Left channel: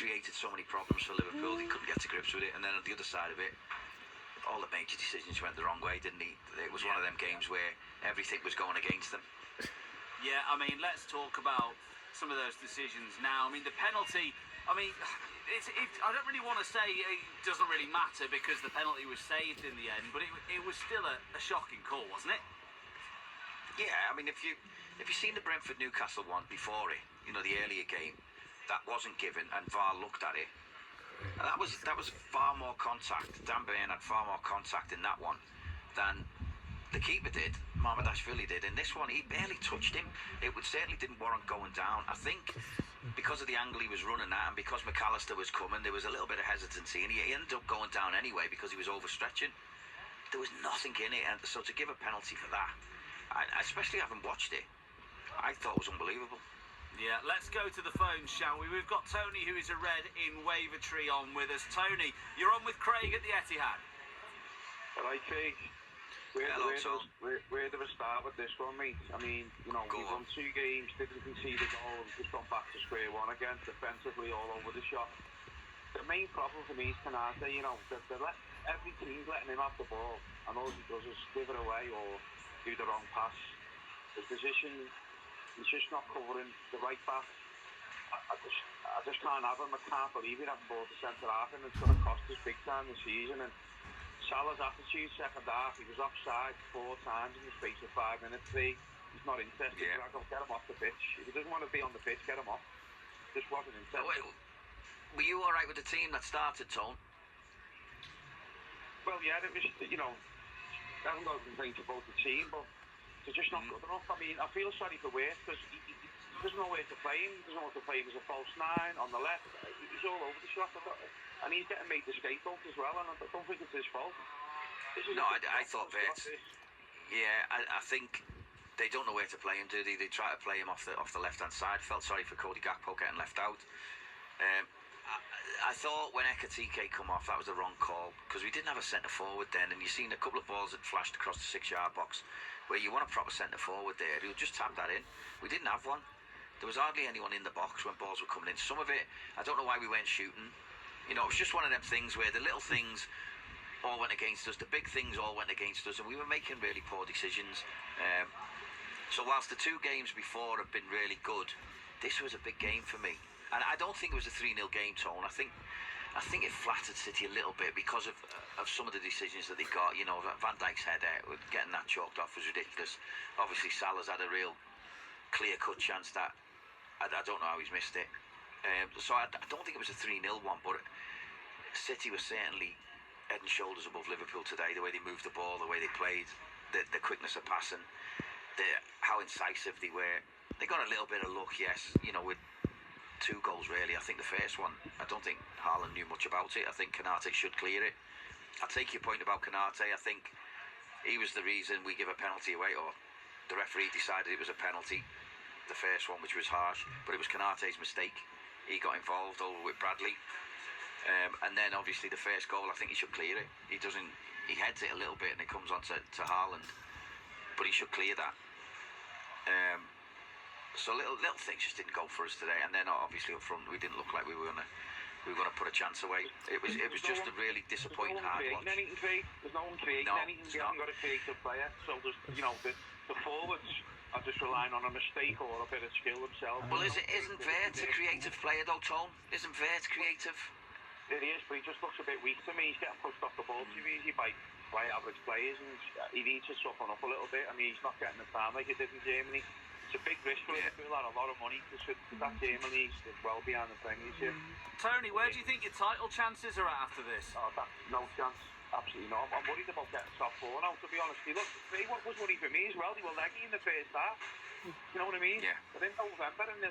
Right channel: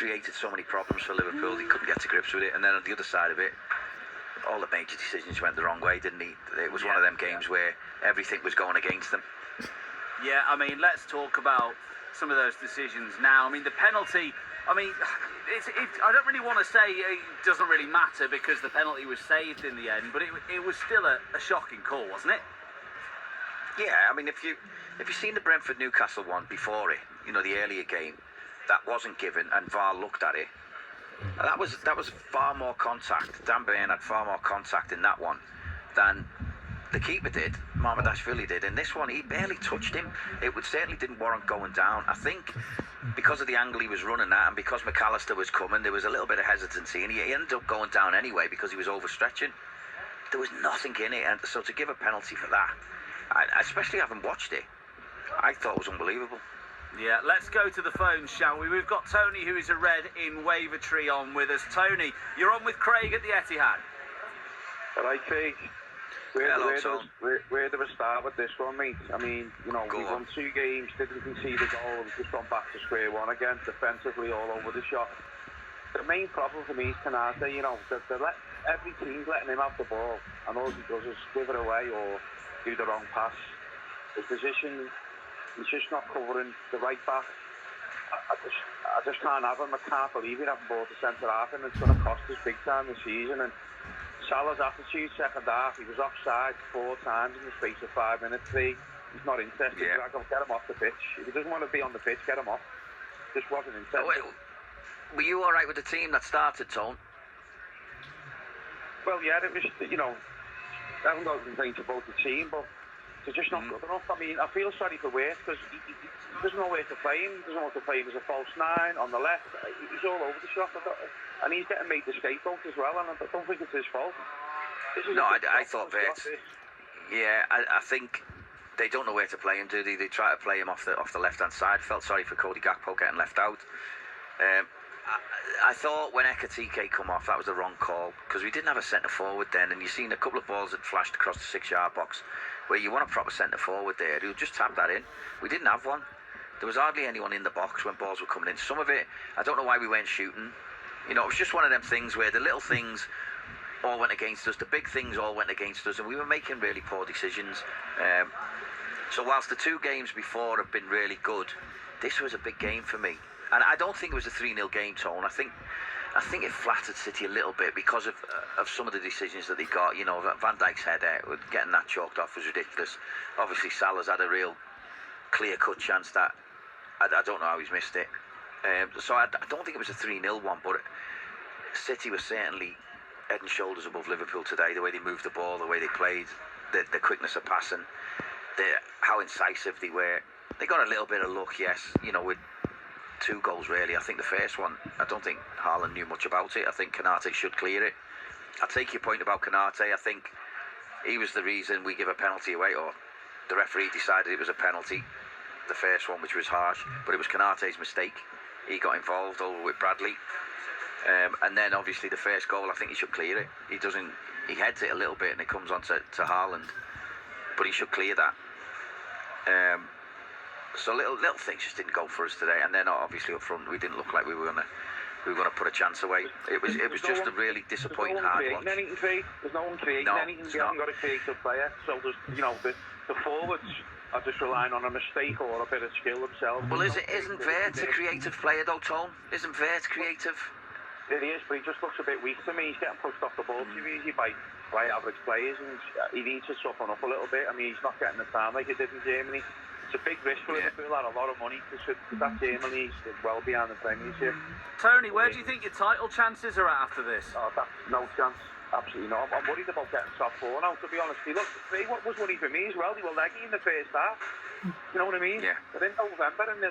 created so many problems for Liverpool. They couldn't get to grips with it. And then on the other side of it, all the major decisions went the wrong way, didn't he? It was one of them games where everything was going against them. Yeah, I mean, let's talk about some of those decisions now. I mean, the penalty, I mean, I don't really want to say it doesn't really matter because the penalty was saved in the end, but it was still a shocking call, wasn't it? Yeah, I mean, if you've seen the Brentford-Newcastle one before it, you know, the earlier game, that wasn't given, and VAR looked at it. And that was far more contact. Dan Burn had far more contact in that one than the keeper did, Mamardashvili did. In this one, he barely touched him. It certainly didn't warrant going down. I think because of the angle he was running at and because McAllister was coming, there was a little bit of hesitancy, and he ended up going down anyway because he was overstretching. There was nothing in it, and so to give a penalty for that, especially having watched it, I thought it was unbelievable. Yeah, let's go to the phone, shall we? We've got Tony, who is a Red in Wavertree, on with us. Tony, you're on with Craig at the Etihad. All right, Craig. Where do we start with this one, mate? I mean, you know, we won 2 games, didn't concede a goal, and just gone back to square one again, defensively all over the shop. The main problem for me is Canate. You know, every team's letting him have the ball, and all he does is give it away or do the wrong pass. The position, he's just not covering the right back. I just can't have him. I can't believe he hasn't bought the centre half, and it's going to cost us big time this season. And Salah's attitude, second half, he was offside 4 times in the space of 5 minutes. He's not interested. Yeah. Get him off the pitch. If he doesn't want to be on the pitch, get him off. Just wasn't interested. Were you all right with the team that started, Tone? Well, yeah, it was, you know, I haven't got a complaint about the team, but they're just not good enough. I mean, I feel sorry for Wade because he doesn't know where to play him. He doesn't know what to play him as a false 9 on the left. He's all over the shop. And he's getting made the scapegoat as well, and I don't think it's his fault. No, I thought that. Yeah, I think they don't know where to play him, do they? They try to play him off the left-hand side. Felt sorry for Cody Gakpo getting left out. I thought when Ekatike come off, that was the wrong call, because we didn't have a centre-forward then, and you've seen a couple of balls that flashed across the 6-yard box, where you want a proper centre-forward there, who'll just tap that in. We didn't have one. There was hardly anyone in the box when balls were coming in. Some of it, I don't know why we weren't shooting. You know, it was just one of them things where the little things all went against us, the big things all went against us, and we were making really poor decisions. So whilst the 2 games before have been really good, this was a big game for me. And I don't think it was a 3-0 game, Tone. I think it flattered City a little bit because of some of the decisions that they got. You know, Van Dijk's header, getting that chalked off was ridiculous. Obviously, Salah's had a real clear-cut chance that I don't know how he's missed it. So I don't think it was a 3-0 one, but City was certainly head and shoulders above Liverpool today. The way they moved the ball, the way they played, the quickness of passing, how incisive they were. They got a little bit of luck, yes, you know, with 2 goals really. I think the first one, I don't think Haaland knew much about it. I think Konate should clear it. I take your point about Konate. I think he was the reason we give a penalty away, or the referee decided it was a penalty, the first one, which was harsh, but it was Konate's mistake. He got involved over with Bradley, and then obviously the first goal, I think he should clear it. He heads it a little bit and it comes on to Haaland, but he should clear that. So little things just didn't go for us today, and then obviously up front we didn't look like we were gonna put a chance away. It was just a really disappointing hard watch. There's no one creating anything. We haven't got a creative player, so there's, you know, the forwards are just relying on a mistake or a bit of skill themselves. Well, isn't Vert a creative player though, Tone? Isn't Vert creative? It is, but he just looks a bit weak to me. He's getting pushed off the ball too easy by average players, and he needs to toughen up a little bit. I mean, he's not getting the time like he did in Germany. It's a big risk for Liverpool, and a lot of money, because that Germany is well behind the Premiership. Tony, where do you think your title chances are at after this? Oh, that's no chance. Absolutely not. I'm worried about getting top 4 now, to be honest. What was worrying for me as well, they were leggy in the first half. You know what I mean? Yeah. But in November, and the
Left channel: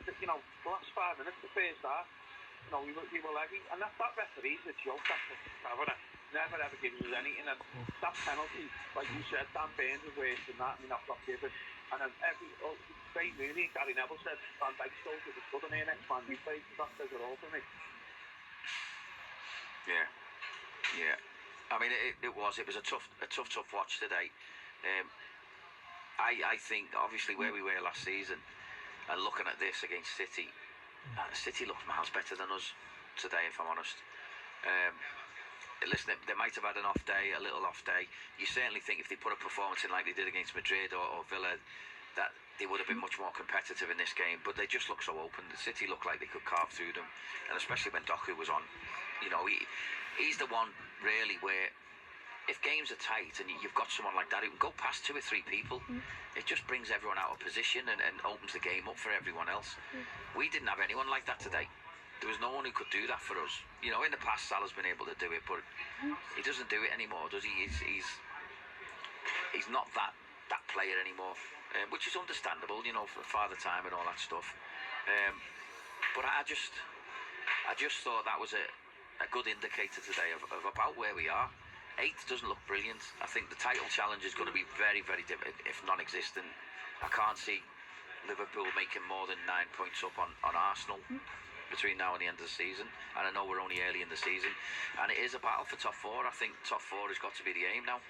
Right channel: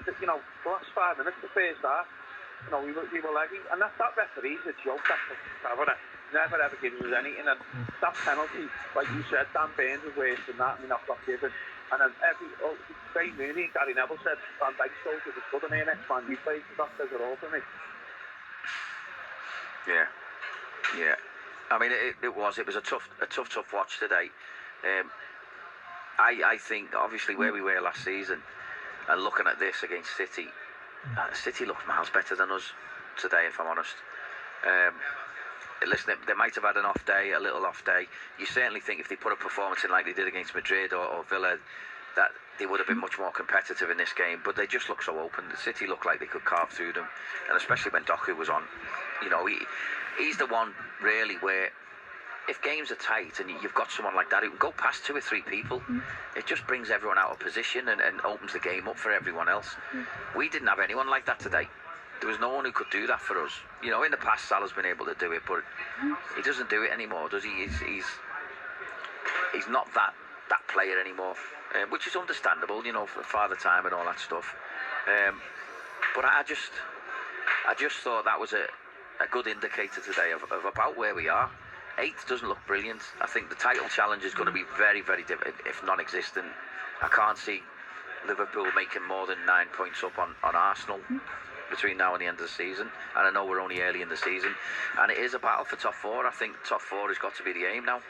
last 5 minutes of the first half, you know, we were leggy. And that referee's a joke, that cabinet. Never ever gives us anything. And that penalty, like you said, Dan Burns was worse than that, and we not got given. And then Craig Mooney and Gary Neville said Van Dijk told it was good, and next man you played, that says it all for me. Yeah. I mean, it was a tough watch today. I think obviously where we were last season, and looking at this against City, City looked miles better than us today, if I'm honest. Listen, they might have had an off day, a little off day. You certainly think if they put a performance in like they did against Madrid or Villa, that they would have been much more competitive in this game. But they just look so open. The City looked like they could carve through them, and especially when Doku was on. You know, he's the one really where if games are tight and you've got someone like that who can go past 2 or 3 people, it just brings everyone out of position and opens the game up for everyone else. We didn't have anyone like that today. There was no one who could do that for us. You know, in the past, Salah's been able to do it, but he doesn't do it anymore, does he? He's not that player anymore, which is understandable, you know, for father time and all that stuff. But I just thought that was a good indicator today of about where we are. 8th doesn't look brilliant. I think the title challenge is going to be very, very difficult, if non-existent. I can't see Liverpool making more than 9 points up on Arsenal between now and the end of the season, and I know we're only early in the season, and it is a battle for top 4. I think top 4 has got to be the aim now.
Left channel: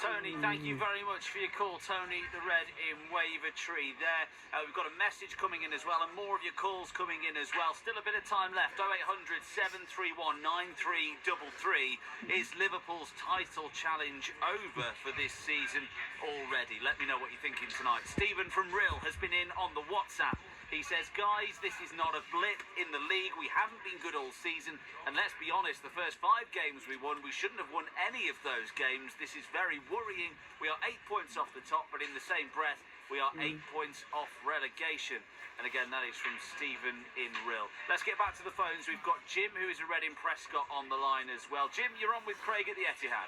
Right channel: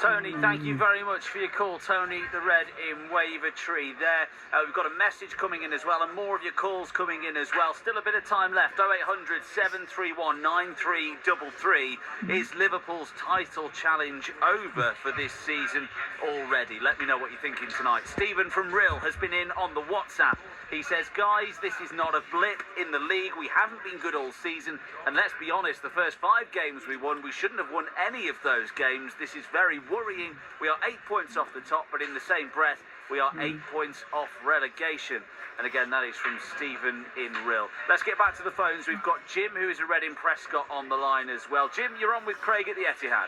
Tony, thank you very much for your call. Tony the Red in Wavertree there. We've got a message coming in as well, and more of your calls coming in as well. Still a bit of time left. 0800 731 9333. Is Liverpool's title challenge over for this season already? Let me know what you're thinking tonight. Stephen from Rill has been in on the WhatsApp. He says, guys, this is not a blip in the league. We haven't been good all season. And let's be honest, the first 5 games we won, we shouldn't have won any of those games. This is very worrying. We are 8 points off the top, but in the same breath, we are 8 points off relegation. And again, that is from Stephen in Rill. Let's get back to the phones. We've got Jim, who is a Reading Prescott, on the line as well. Jim, you're on with Craig at the Etihad.